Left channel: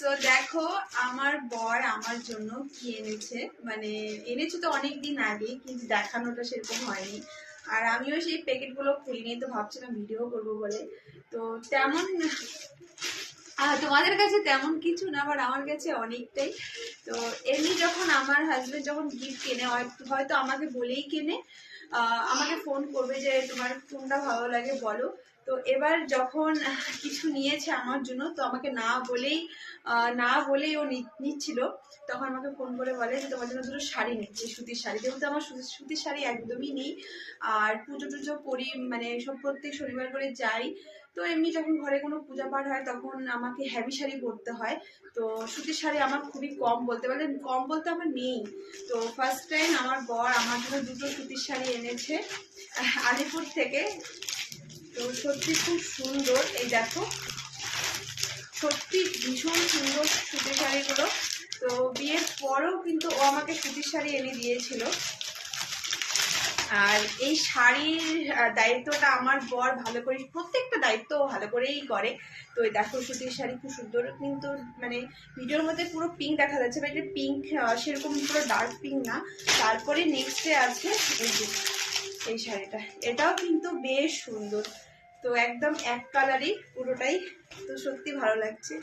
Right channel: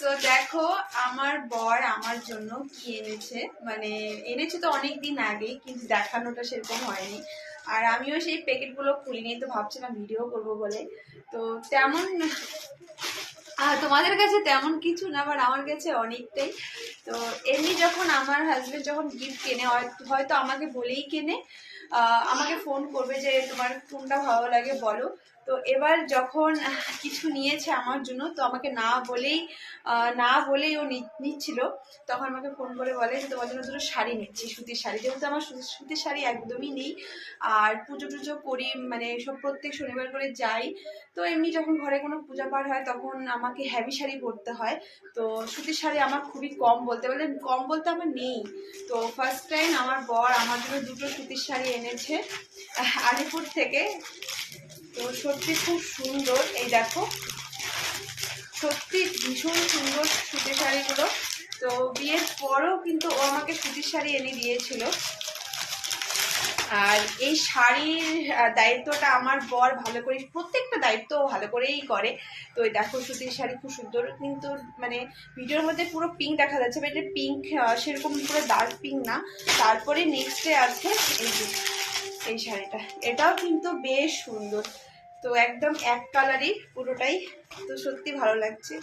তো দেখো আমার বর আমার জন্য কি এনেছে, মানে এনেছে তো অনেকদিন আগেই, কিন্তু দেখানোটা সেরকম হয়নি। আর আমিও সেই প্যাকেটগুলো খুলিনি, তো ভাবছিলাম ভিডিও করবো বলে। তো তেমন তোমাদের কাছে তেমন কিছু না, বাট আমার কাছে অনেকটাই। তো এমনি যখন আমার হাজবেন্ড যখন গিফট কেনে, হয়তো আমাকে বলেই কেনে, আমাকে ফোন করবে যে তোমার কোনটা ভালো লাগে বলো। তো এবার যখন কিছু নিয়েছে আমার জন্য, তো আমাকে না বলেই ও নিচ্ছিল। তখন আমাকে ফোন করে বলে যে তোমার জন্য দুটো শাড়ি নিচ্ছি, সুতির শাড়ি। যেহেতু আমার সুতির শাড়ি একদমই নেই, আর পুজো টুজো করি, মানে সব প্রত্যেক শনিবার করে যাই। তো এমনি যখন ঘরে কোনো পূজা পাঠ হয় তখন আমাকে হেভি শাড়ি পরতে হয়। তো সুতির শাড়ি আমার খুবই কম, কম বলতে আমার নেই। তো ফার্স্ট টাইম আমার বর আমার জন্য দুটো সুতির শাড়ি এনেছে আলিপুর থেকে। তো সত্যি খুব সুন্দর, এই দেখো সত্যি ভীষণ সুন্দর সুতির শাড়িগুলো। তো বিয়ের পরও কিন্তু ও আমাকে সুতির শাড়ি এনে দিয়েছিল। আর এই শাড়ির দায়িত্বটা আমার বর ভালো করে, প্রত্যেকটা দায়িত্ব ভালো করেই করে। তো এই দেখো সুতির শাড়ি খুব সুন্দর, কিন্তু মানে ভিডিওর মধ্যে পুরো পিঙ্ক দেখা যাচ্ছে, বাট এটা পিঙ্ক সেরকম পুরো ডার্ক পিঙ্ক না। তারপরে নেক্সটে আছে এই যে এই শাড়িটা, এটাও কিন্তু বেশ সুন্দর। তো একদম এক কালারই পুরোটাই, তো সত্যি ভালো লাগছে।